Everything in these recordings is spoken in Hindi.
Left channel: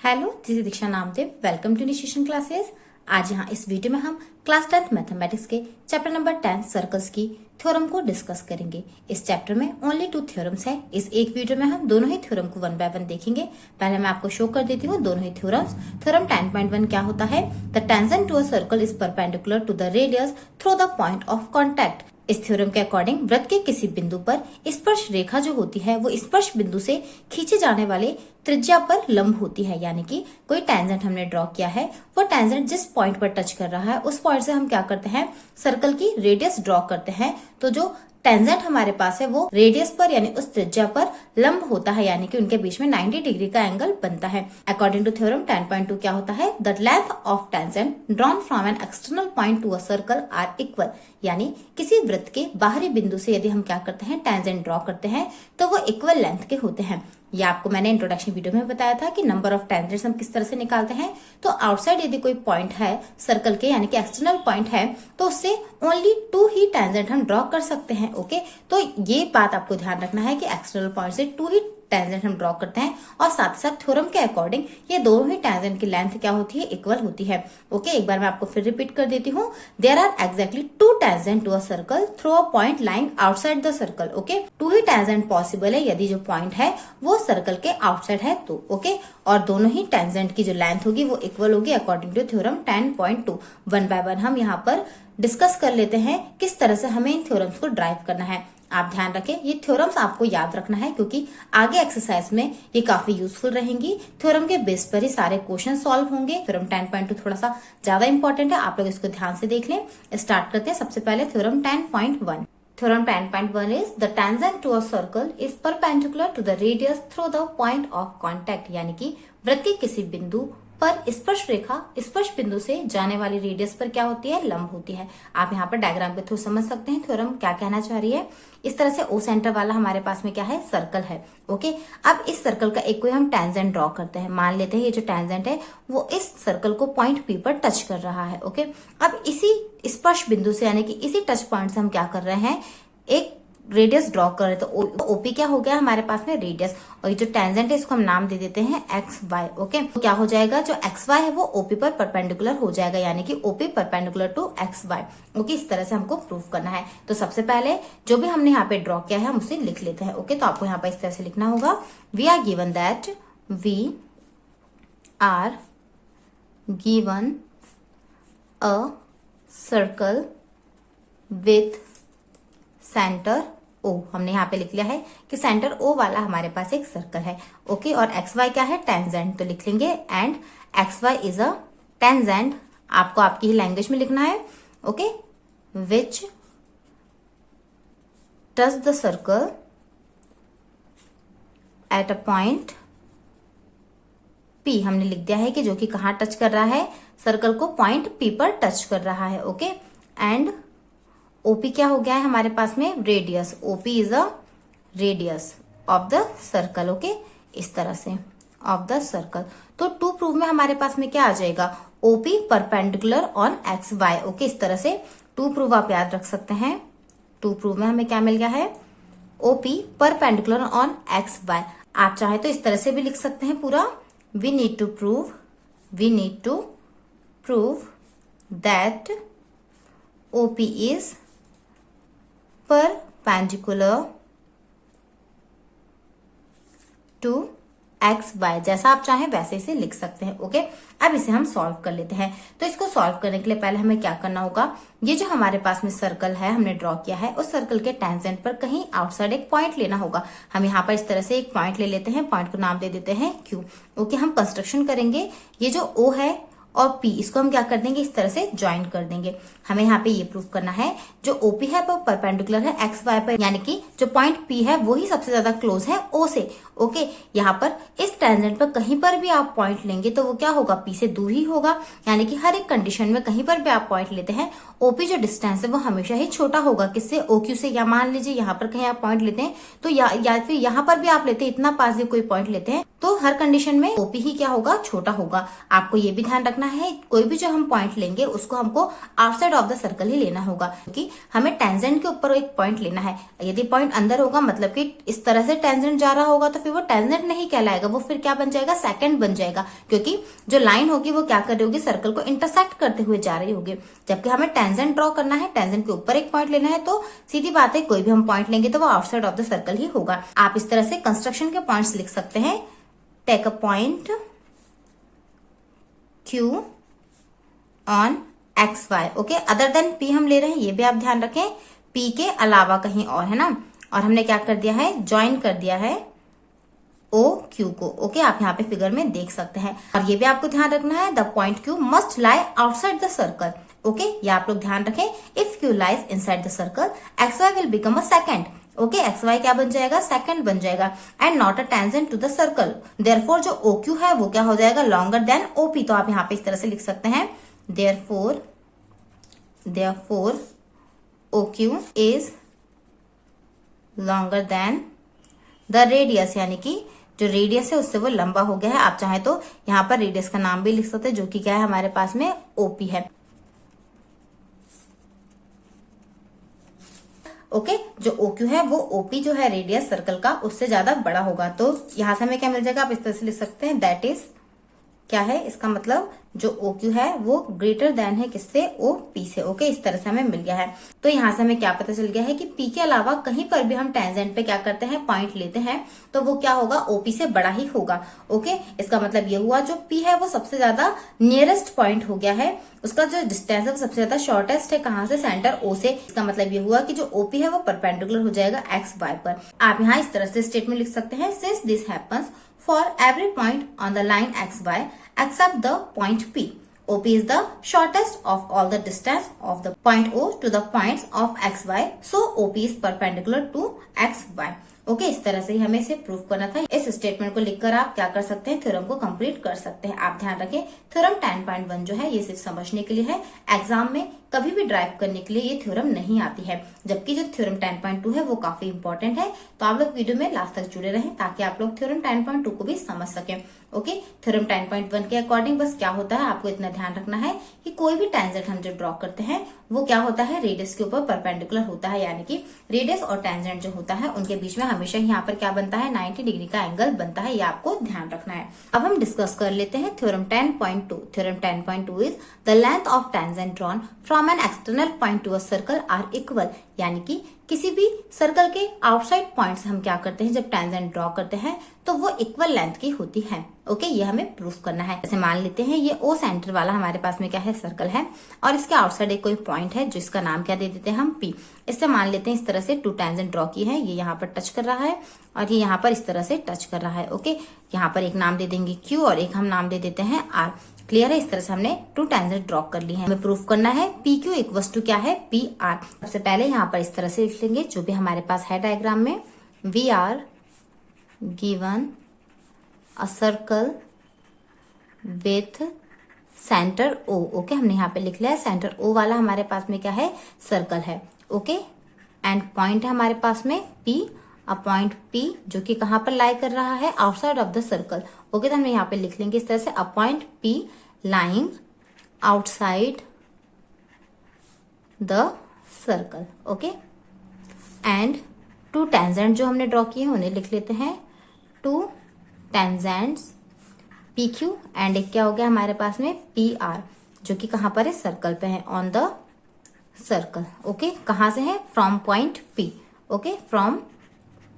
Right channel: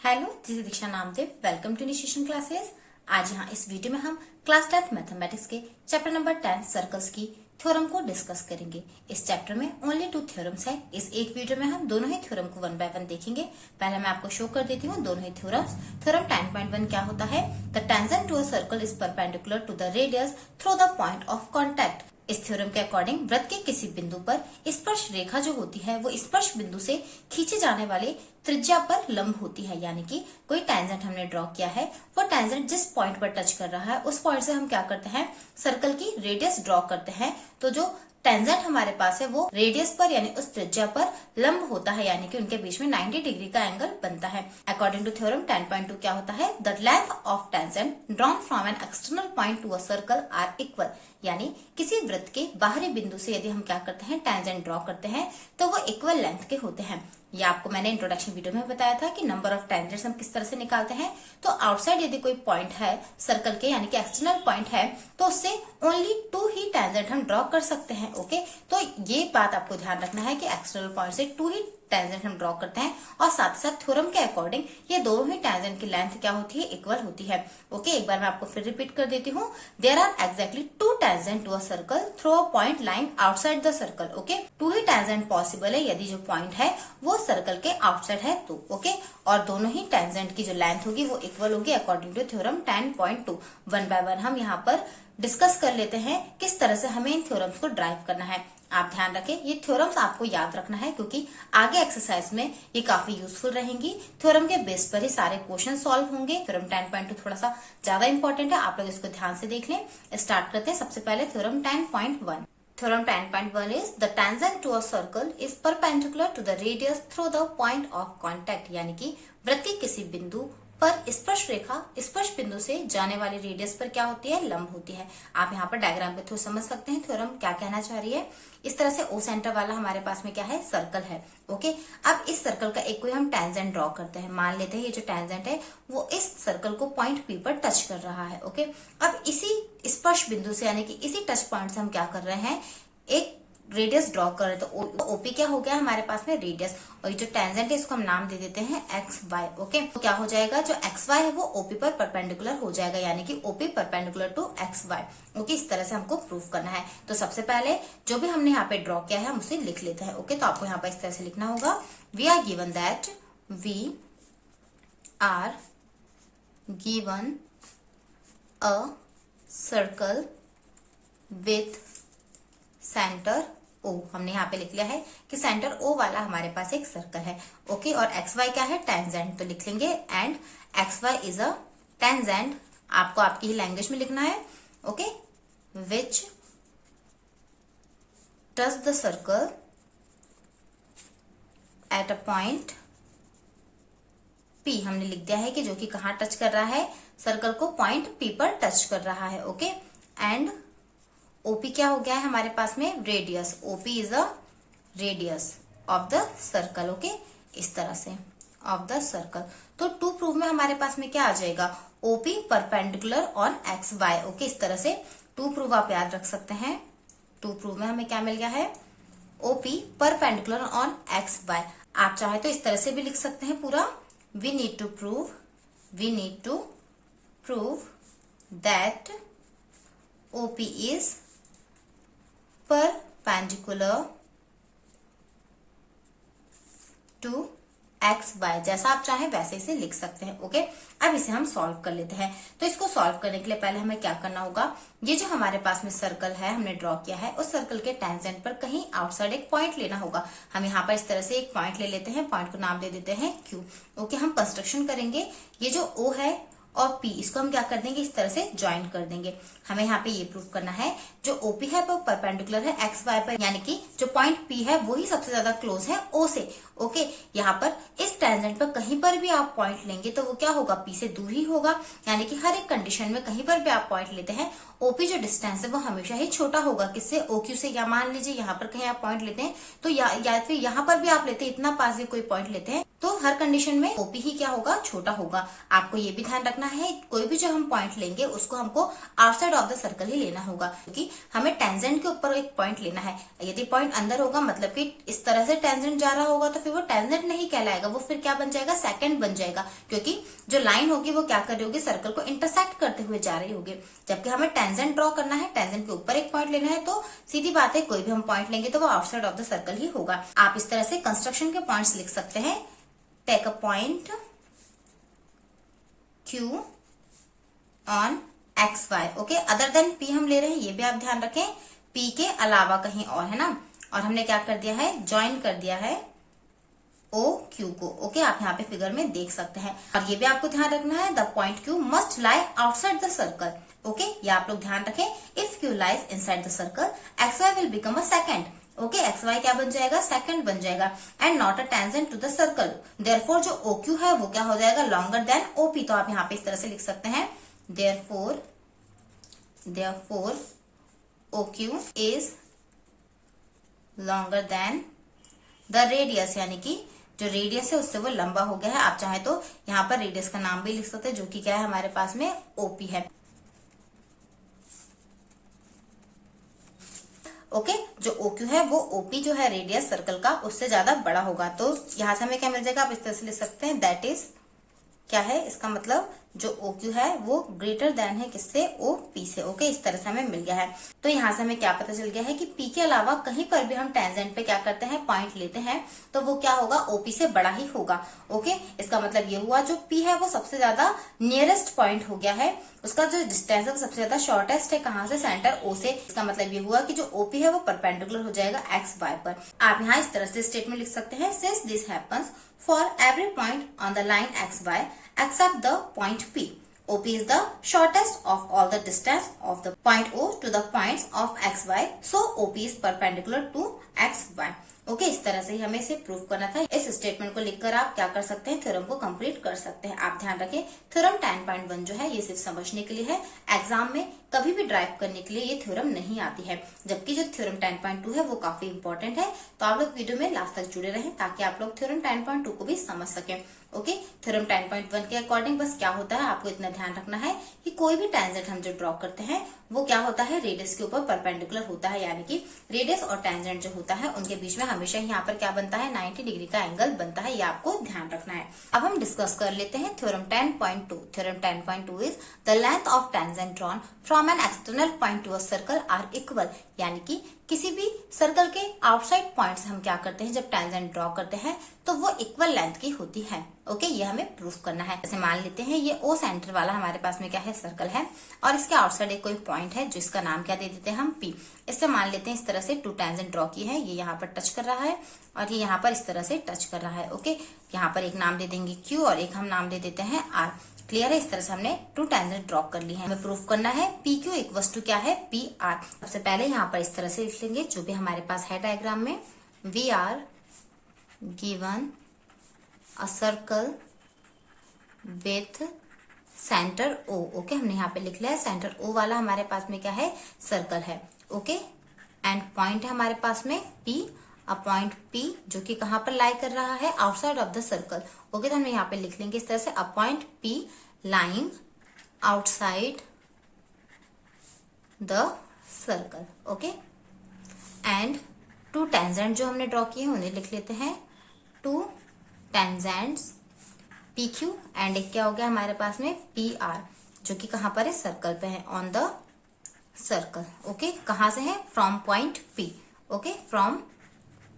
Hello, this is Diksha Namdev. Welcome to Initiation classes. आज यहाँ इस वीडियो में हम क्लास 10 मैथमेटिक्स के चैप्टर नंबर 10 सर्कल्स की थ्योरम को डिस्कस करेंगे। इस चैप्टर में ओनली 2 थ्योरम्स है। इस एक वीडियो में हम दोनों ही थ्योरम को वन बाय वन देखेंगे। पहले मैं आपको शो कर देती हूँ दोनों ही थ्योरम्स। थ्योरम 10.1 क्या होता है? The tangent to a circle is perpendicular to the radius through the point of contact. इस थ्योरम के अकॉर्डिंग वृत्त के किसी बिंदु पर स्पर्श रेखा जो होती है वो स्पर्श बिंदु से खींचे जाने वाले त्रिज्या पर लंब होती है। यानी कि कोई टेंजेंट हमने ड्रॉ किया है, वो टेंजेंट जिस पॉइंट पर टच कर रहा है उस पॉइंट से हम क्या करते हैं, सर्कल की रेडियस ड्रॉ करते हैं। तो जो टेंजेंट हमारे पास है वो रेडियस पर यानी उस त्रिज्या पर लंब होता है, यानी कि उनके बीच में 90 डिग्री का एंगल बनता है। अकॉर्डिंग टू थ्योरम 10.2 क्या होता है? The length of tangent drawn from an external point to a circle are equal. यानी किसी वृत्त के बाहरी बिंदु से यदि हम क्या करते हैं, टेंजेंट ड्रॉ करते हैं, तो वो इक्वल लेंथ के होते हैं। ये आपको मैंने इंट्रोडक्शन वीडियो में बताया था कि नंबर ऑफ टेंजेंट्स हम किस तरह से निकालते हैं। तो आउटसाइड यदि कोई पॉइंट है सर्कल के, यानी कि एक्सटर्नल पॉइंट है, तो उससे ओनली 2 ही टेंजेंट हम ड्रॉ कर सकते हैं। ओके, तो ये बात आपको ध्यान रखना है कि एक्सटर्नल पॉइंट से 2 ही टेंजेंट हम ड्रॉ करते हैं। और साथ ही साथ थ्योरम के अकॉर्डिंग ये दोनों ही टेंजेंट की लेंथ क्या होती है, इक्वल होती है। ओके, एक बार मैं आपको फिर रिपीट कर देती हूँ। There are exactly 2 tangent to a circle through a point lying outside the circle. Okay, 2 ही टेंजेंट पॉसिबल है यदि जो पॉइंट है वो सर्कल के आउटसाइड है तो। ओके, और दोनों ही टेंजेंट की जो लेंथ होगी वो इक्वल होगी according to theorem 10.2। One by one हम यहाँ पर डिस्कस कर लेते हैं किस तरह से हमें इन थ्योरम्स को ड्राइव करना है। आप ध्यान रखें, ये थ्योरम्स आपको याद रखना है क्योंकि आगे एक्सरसाइज में ये काफी यूजफुल रहेंगी। थ्योरम के बेस पर ही सारे क्वेश्चन सॉल्व होंगे। थ्योरम 10.2 थोड़ा सा ज्यादा इंपॉर्टेंट है, आप लोग इसको ध्यान से देख लें। स्टार्ट करते हैं सबसे पहले theorem 10.1। Theorem 10.1 is the tangent to a circle is perpendicular to the radius through the point of contact. यानी कि वृत्त के किसी बिंदु पर स्पर्श रेखा स्पर्श बिंदु से जाने वाली रेडियस पर क्या होती है, लंब होती है। आप यहाँ पर डायग्राम के थ्रू समझ सकते हैं थ्योरम क्या कहना चाह रही है। इस तरह से ओ सेंटर वाला हमारे पास में क्या है, सर्कल है। ओके, अब इस सर्कल का एक कोई हम टेंजेंट ड्रॉ करते हैं। मान लेते हैं ये जो टेंजेंट है वो इस सर्कल को पॉइंट पी पर टच कर रहा है। ओके, अब इसी स्पर्श बिंदु से यानी कि इसी टच पॉइंट से हम क्या कर रहे हैं, एक रेडियस ड्रॉ कर रहे हैं। तो ओपी क्या हो गया हमारे पास में, रेडियस। और ये जो टेंजेंट है इसको हम नाम दे देते हैं एक्स वाई। ओके, तो क्या हो जाएगा, जो एक्स वाई है वो ओपी पर परपेंडिकुलर हो जाएगा, यानी कि OP perpendicular to X Y. Okay, इस तरह से हमको प्रूव करना है। तो सबसे पहले जो भी हमने यहाँ पे ड्रॉ किया है हम उसे लिख लेते हैं। ओके, तो आपको यहाँ पे इस तरह से लिखना होगा, we are given that we are given a circle with centre O. हमने यहाँ पे लिख लिया है कि सेंटर ओ वाला हमारे पास एक सर्कल है। ओके, और एक्स वाई क्या है, टेंजेंट। तो लिख लेंगे and X Y is a tangent. आपको आपकी ही लैंग्वेज में लिखना है। Okay, which touch the circle at a point P. हमने लिख दिया है कि जो कि कहाँ टच कर रहा है, सर्कल को पॉइंट पी पर टच कर रहा है। ओके, एंड ओपी क्या हो गया है हमारे पास में, radius. OP is a radius of the circle. Okay, इस तरह से ऑफ द सर्कल। तो टू प्रूव में हमारे पास में क्या आ जाएगा, OP perpendicular on X Y. Okay, इस तरह से टू प्रूव आप याद रख सकते हैं। टू प्रूव में हमें क्या मिल गया है, OP perpendicular on X Y. आप चाहे तो इस तरह से भी लिख सकते हैं पूरा, we need to prove that OP is perpendicular to X Y. जैसा आप चाहें वैसे इसे लिख सकते हैं। ओके, अब इसे हम सॉल्व कर लेते हैं। तो इसको सॉल्व करने के लिए पहले हमें क्या करना होगा, ये जो हमारे पास में सर्कल है हमने ड्रॉ किया है, उस सर्कल के टेंजेंट पर कहीं आउटसाइड एक पॉइंट लेना होगा। हम यहाँ पर इस तरह से एक पॉइंट ले लेते हैं, पॉइंट को नाम दे देते हैं क्यू। ओके, हम कंस्ट्रक्शन करेंगे, ये जो ओ है और पी इसको हम क्या कर देंगे, इस तरह से ज्वाइन कर देंगे। हमें यहाँ पे ये प्रूव करना है जो ओपी है वो परपेंडिकुलर है एक्स वाई पर, यानी कि जो पॉइंट पी है वो ही सबसे ज्यादा क्लोज है ओ से। ओके, यहाँ पर इस टेंजेंट पर कहीं पर भी आप पॉइंट लेंगे तो वो क्या होगा, पी से दूर ही होगा। यानी कि हर एक कंडीशन में कहीं पर भी आप पॉइंट लेते हैं, ओपी जो डिस्टेंस है वो हमेशा ही छोटा होगा किससे, ओक्यू से। या मान लीजिए यहाँ पर कहीं आप पॉइंट लेते हैं तो या फिर यहाँ पर भी आप लेते हैं, इतना पास भी कोई पॉइंट लेते हैं तो हर कंडीशन में ओपी ही क्या होगा, छोटा होगा। आपको ये भी ध्यान रखना है, कोई भी जो हम पॉइंट लेंगे उसको हमको आउटसाइड ऑफ द सर्कल ही लेना होगा, क्योंकि हमें टेंजेंट के ऊपर एक पॉइंट लेना है। यदि पॉइंट अंदर होगा मतलब कि इस तरह से टेंजेंट जा रहा होगा तो फिर वो टेंजेंट नहीं कहलाएगा, वो फिर क्या बन जाएगा, सेकंड बन जाएगा, क्योंकि जो लाइन होगी वो क्या कर रही होगी, सर्कल को इंटरसेक्ट करते हुए जा रही होगी। जबकि हमें टेंजेंट ड्रॉ करना है, टेंजेंट के ऊपर एक पॉइंट लेना है, तो सीधी बात है कोई भी हम पॉइंट लेंगे तो वो आउटसाइड ऑफ द सर्कल ही होगा। आप इस तरह से कंस्ट्रक्शन के पॉइंट्स लिख सकते हैं। Take a point Q on XY, okay. Other than P हम ले रहे हैं, ये भी आप ध्यान रखें, P के अलावा कहीं और, है ना। और हमने क्या कर दिया है, ज्वाइन कर दिया है OQ को, ओके। आप यहाँ पे फिगर में देख सकते हैं। और ये भी आपको ध्यान रखना है, the point Q must lie outside the circle, okay. ये आप लोग ध्यान रखें, if Q lies inside the circle XY will become a secant, okay. XY क्या बन जाएगा, सेकंड बन जाएगा, and not a tangent to the circle. Therefore जो OQ है वो क्या हो जाएगा, लॉन्गर देन OP। तो आप यहाँ पे इस तरह से लिख सकते हैं, therefore OQ is longer than the radius, यानी कि जो रेडियस है उससे वो लंबा हो गया है। आप चाहे तो यहाँ पर रेडियस का नाम भी लिख सकते हैं, जो कि क्या है हमारे पास में OP है, ओके। जो OQ है वो OP जो है रेडियस सर्कल का उससे ज्यादा बड़ा होगा। तो यहां से हमें क्या मिल जाएगा, आप इस तरह से लिख सकते हैं, दैट इज क्या है, इसका मतलब जो OQ है वो ग्रेटर देन है किससे, OP से, ओके। इस तरह से हमें मिल गया है। तो यहाँ से हमें क्या पता चल गया है कि P के अलावा कहीं पर भी हम टेंजेंट पे क्या करते हैं, पॉइंट लेते हैं, तो वो क्या होगा, OP से बड़ा ही होगा, ओके। इसका मतलब ये हुआ जो P है वो सबसे ज्यादा नियरेस्ट पॉइंट हो गया है, उसका जो डिस्टेंस है वो सबसे ज्यादा शॉर्टेस्ट है, कहाँ से, सेंटर O से। इसका मतलब ये हुआ कि जो OP है वो परपेंडिकुलर हो जाएगा XY पर। आप यहाँ इस तरह से स्टेटमेंट लिख सकते हैं, since this happens for every point on the line XY except the point P. OP is the shortest of all the distance of the point O to the points of XY. So OP is perpendicular to XY. Okay, इस तरह से ही हमें इसे प्रूव करना था। इस स्टेटमेंट को लिखकर आप क्या कर सकते हैं, थ्योरम को कंप्लीट कर सकते हैं। आप ध्यान रखें, थ्योरम 10.1 जो है ये सिर्फ समझने के लिए है, एग्जाम में कभी भी ड्राइव करने के लिए ये थ्योरम नहीं आती है। जबकि जो थ्योरम 10.2 है वो काफी इंपॉर्टेंट है। तो आप लोग वीडियो में लास्ट तक जुड़े रहें ताकि आप लोग थ्योरम 10.2 को भी समझ सकें, ओके। थ्योरम 10.1 के अकॉर्डिंग बस क्या होता है, आपको इतना ध्यान रखना है कि कोई भी टेंजेंट हम जो ड्रॉ करते हैं वो क्या होता है, रेडियस के ऊपर परपेंडिकुलर होता है, यानी कि रेडियस और टेंजेंट जो होता है उनके बीच में हमेशा यहाँ पर क्या बनता है, 90 डिग्री का एंगल बनता है। ये आपको ध्यान रखना है। अब हम डिस्कस कर लेते हैं theorem 10.2। Theorem 10.2 is the length of tangent drawn from an external point to a circle are equal, यानी कि किसी भी सर्कल के आउटसाइड पॉइंट से हम क्या करते हैं, जब टेंजेंट ड्रॉ करते हैं तो वो इक्वल लेंथ की होती है, ओके। ये हमें प्रूफ करना है। जैसे मान लेते हैं ये O सेंटर वाला हमारे पास में क्या है, सर्कल है, और इसके आउटसाइड एक कोई पॉइंट है जिसका नाम क्या दे देते हैं हम P। इससे मान लेते हैं इस तरह से टू टेंजेंट ड्रॉ की है, ये यहाँ पर टच कर रहा है और ये यहाँ पर इस तरह से टच कर रहा है, ओके। यहाँ पर एक नाम दे देंगे Q और एक हम नाम दे देते हैं R। क्लियर है, इस तरह से हमने टू टेंजेंट ड्रॉ कर ली है। हमें प्रूफ करना है PQ इक्वल्स टू क्या है, PR। सबसे पहले यहाँ पर इस तरह से लिख लेंगे जो भी हमारे पास है डायग्राम में, we are given a circle with centre O, okay. हमने यहाँ पे लिख लिया है सेंटर O वाला हमारे पास में क्या है, सर्कल है, ओके। एंड पॉइंट है हमारे पास में P, अ पॉइंट P जो कि कहाँ पर लाई कर रहा है, outside of the circle, okay. तो हम यहाँ पे लिख लेंगे इस तरह से, a point P lying outside the circle, okay. And two tangent जो हमने ड्रॉ किए हैं उन्हें लिख लेते हैं, टू टेंजेंट्स PQ एंड एक क्या हो गया हमारे पास में PR जो कि कहाँ पर है, सर्कल पे है, ऑन द सर्कल, ओके। कहाँ से है, from point P, okay, from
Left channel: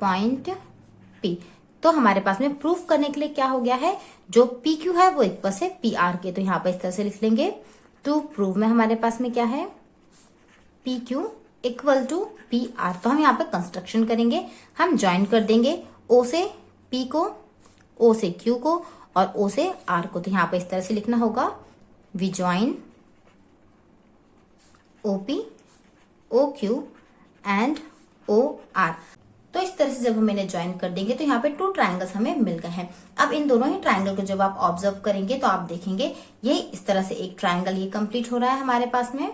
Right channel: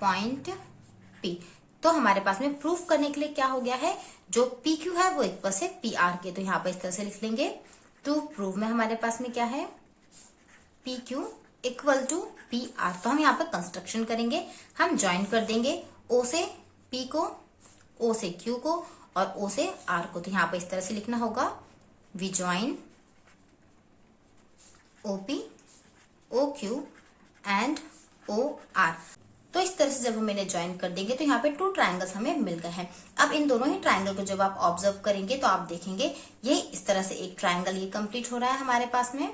point P। तो हमारे पास में प्रूफ करने के लिए क्या हो गया है, जो PQ है वो इक्वल से PR के, तो यहाँ पर इस तरह से लिख लेंगे। टू प्रूव में हमारे पास में क्या है, PQ इक्वल टू PR। तो हम यहाँ पे कंस्ट्रक्शन करेंगे, हम ज्वाइन कर देंगे O से P को, O से Q को और O से R को। तो यहाँ पे इस तरह से लिखना होगा, we join OP, OQ and OR। तो इस तरह से जब हम इन्हें ज्वाइन कर देंगे तो यहाँ पे टू ट्रायंगल्स हमें मिल गए हैं। अब इन दोनों ही ट्रायंगल को जब आप ऑब्जर्व करेंगे तो आप देखेंगे ये इस तरह से एक ट्रायंगल ये कंप्लीट हो रहा है हमारे पास में,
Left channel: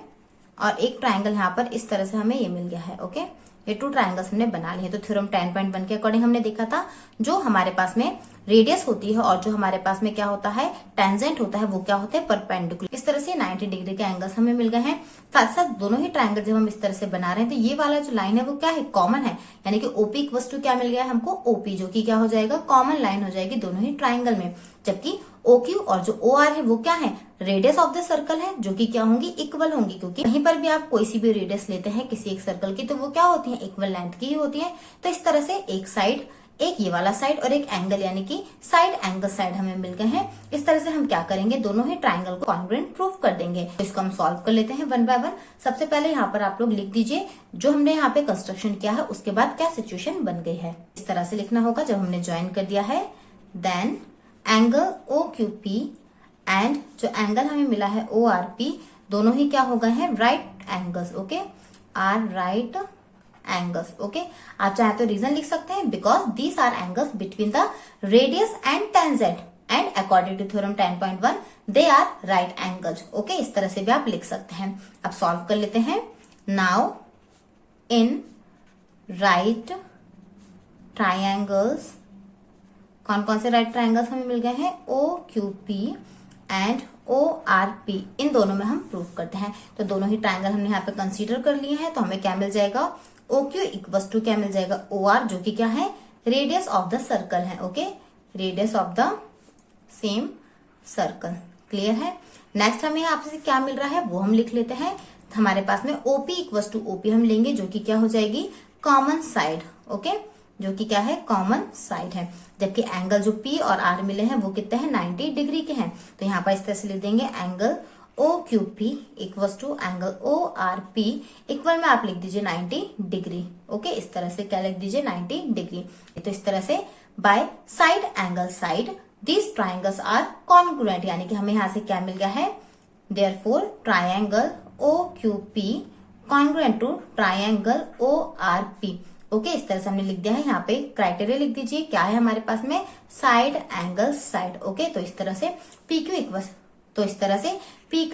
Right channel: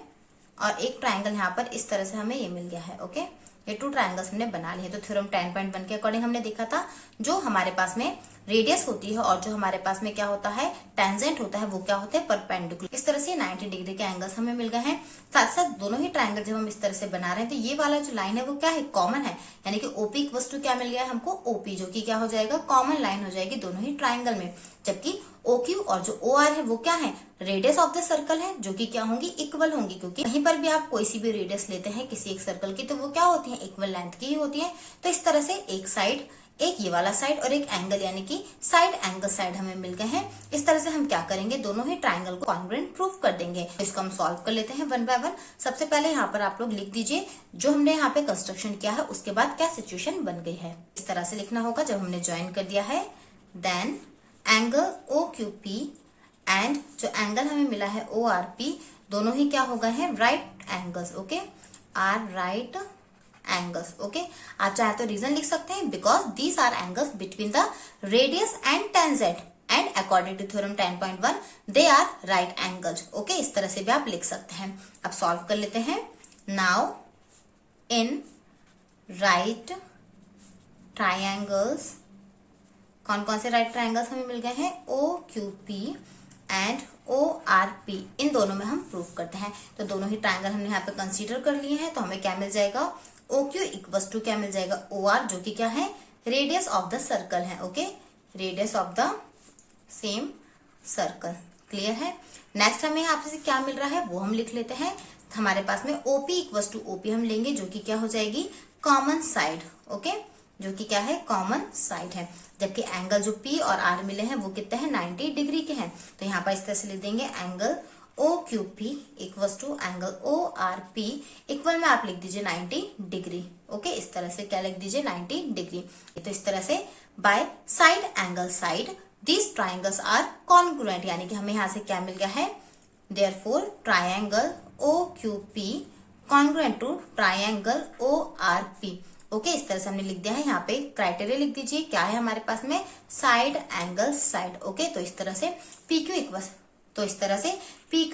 और एक ट्रायंगल यहाँ पर इस तरह से हमें ये मिल गया है, ओके। ये 2 ट्राइंगल्स हमने बना लिए। तो थ्योरम 10.1 के अकॉर्डिंग हमने देखा था जो हमारे पास में रेडियस होती है और जो हमारे पास में क्या होता है टेंजेंट होता है वो क्या होता है परपेंडिकुलर। इस तरह से 90 डिग्री के एंगल्स हमें मिल गए हैं। साथ साथ दोनों ही ट्राइंगल जब हम इस तरह से बना रहे हैं तो ये वाला जो लाइन है वो क्या है कॉमन है, यानी कि ओपी इक्वल्स टू क्या मिल गया है हमको ओपी, जो कि क्या हो जाएगा कॉमन लाइन हो जाएगी दोनों ही ट्राइंगल में। जबकि OQ और जो OR है वो क्या है रेडियस ऑफ द सर्कल है, जो कि क्या होंगी इक्वल होंगी, क्योंकि कहीं पर भी आप कोई सी भी रेडियस लेते हैं किसी एक सर्कल की तो वो क्या होती है इक्वल लेंथ की ही होती है। तो इस तरह से एक साइड, एक ये वाला साइड और एक एंगल यानी कि साइड एंगल साइड हमें मिल गए हैं। इस तरह से हम क्या करेंगे दोनों ही ट्राइंगल को कॉन्ग्रुएंट प्रूव कर देंगे। तो इसको हम सॉल्व कर लेते हैं वन बाय वन। सबसे पहले यहाँ पर आप लोग लिख दीजिए जो हमने यहाँ पे कंस्ट्रक्शन किया है उसके बाद क्या सिचुएशन बन गई है। इस तरह से लिखना होगा जब हमने ज्वाइन कर दिया है देन एंगल OQP एंड जो एंगल हमें मिला है ORP दोनों ही क्या हो गए हैं right angles. Okay, are right angles. Okay, आप चाहे तो रीजन लिख सकते हैं because these are angles between the radius and tangent and according to theorem 10.1 they are right angles. Okay, इस तरह से भी आप लिख सकते हैं। अब सॉल्व कर लेते हैं। नाउ इन राइट ट्राइंगल्स कौन कौन से राइट ट्राइंगल्स हमें मिल गए हैं OQP एंड ORP, इन दोनों में हम प्रूव करते हैं। तो दोनों ही ट्राइंगल हमने यहाँ पे कंसीडर कर लिए हैं। तो हमें क्या मिल जाएगा OQ इक्वल्स टू क्या मिल जाएगा OR, जो कि क्या है रेडियस ऑफ द सर्कल है। Okay, radius of the same circle. Clear है। नेक्स्ट हमें यहाँ पे क्या मिल रहा है वो हम लिख लेते हैं। हमारे पास में OP इक्वल्स टू OP हम लेंगे जो कि क्या हो जाएगी कॉमन साइड। ओके, जो कि क्या है कॉमन साइड है। जबकि एंगल जो P और R मिले हैं वो कितने हैं 90 डिग्री के हैं। तो यहाँ पर इस तरह से लिख देंगे angle OQP equals to angle ORP equal में आप लिख दीजिए 90 डिग्री। ओके, इस तरह से क्या लिख दीजिए 90 डिग्री। तो इस तरह से by side angle side these triangles are congruent, यानी कि हमें यहाँ से क्या मिल गया है therefore triangle OQP congruent to triangle ORP। Okay, इस तरह से हमने लिख दिया है। यहाँ पे क्राइटेरिया लिख दीजिए क्या है हमारे पास में साइड एंगल साइड। ओके, तो इस तरह से PQ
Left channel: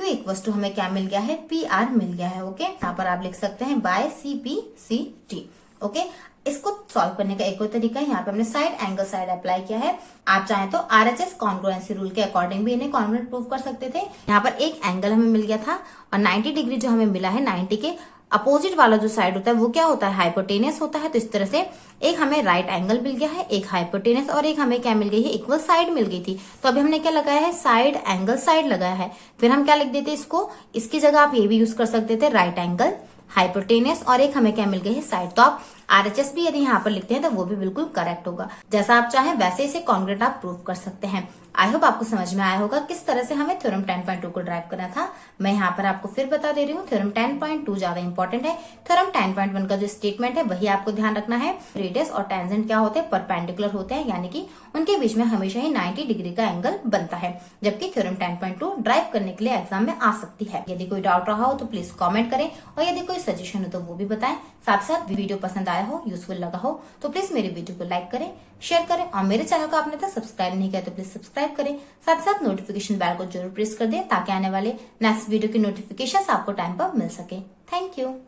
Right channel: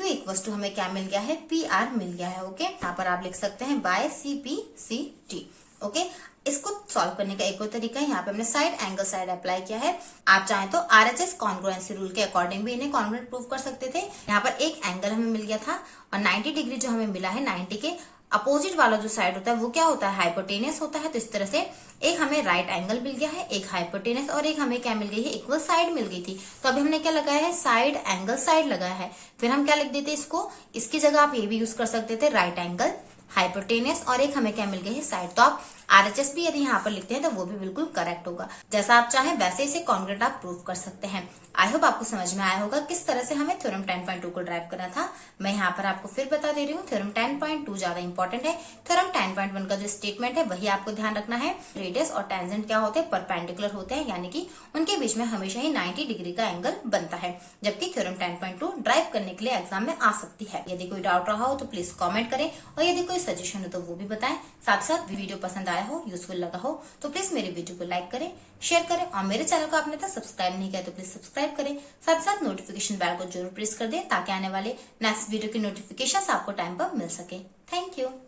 इक्वल्स टू हमें क्या मिल गया है PR मिल गया है। ओके, यहाँ पर आप लिख सकते हैं बाय CPCT। ओके, इसको सॉल्व करने का एक और तरीका है, यहाँ पे हमने साइड एंगल साइड अप्लाई किया है। आप चाहें तो RHS कॉन्ग्रुएंसी रूल के अकॉर्डिंग भी इन्हें कॉन्ग्रुएंट प्रूव कर सकते थे। यहाँ पर एक एंगल हमें मिल गया था और 90 डिग्री जो हमें मिला है 90 के अपोजिट वाला जो साइड होता है वो क्या होता है हाइपोटेनियस होता है। तो इस तरह से एक हमें राइट एंगल मिल गया है, एक हाइपोटेनियस और एक हमें क्या मिल गई है इक्वल साइड मिल गई थी। तो अभी हमने क्या लगाया है साइड एंगल साइड लगाया है। फिर हम क्या लिख देते इसको, इसकी जगह आप ये भी यूज कर सकते थे राइट एंगल हाइपोटेनियस और एक हमें क्या मिल गई है साइड। तो आप RHS भी यदि यहाँ पर लिखते हैं तो वो भी बिल्कुल करेक्ट होगा। जैसा आप चाहें वैसे इसे कॉन्ग्रुएंट आप प्रूव कर सकते हैं। आई होप आपको समझ में आया होगा किस तरह से हमें थ्योरम 10.2 को ड्राइव करना था। मैं यहाँ पर आपको फिर बता दे रही हूँ थ्योरम 10.2 ज्यादा इंपॉर्टेंट है। थ्योरम 10.1 का जो स्टेटमेंट है वही आपको ध्यान रखना है। रेडियस और टेंजेंट क्या होते हैं परपेंडिकुलर होते हैं, यानी कि उनके बीच में हमेशा ही 90 डिग्री का एंगल बनता है। जबकि थ्योरम 10.2 ड्राइव करने के लिए एग्जाम में आ सकती है। यदि कोई डाउट रहा हो तो प्लीज कॉमेंट करें और यदि कोई सजेशन हो तो वो भी बताएं। साथ साथ वीडियो पसंद आया हो यूजफुल लगा हो तो प्लीज मेरी वीडियो को लाइक करें, शेयर करें और मेरे चैनल को आपने तक सब्सक्राइब नहीं किया तो प्लीज सब्सक्राइब करें। साथ साथ नोटिफिकेशन बेल को जरूर प्रेस कर दें ताकि आने वाले नेक्स्ट वीडियो की नोटिफिकेशन आपको टाइम पर मिल सके। Thank you.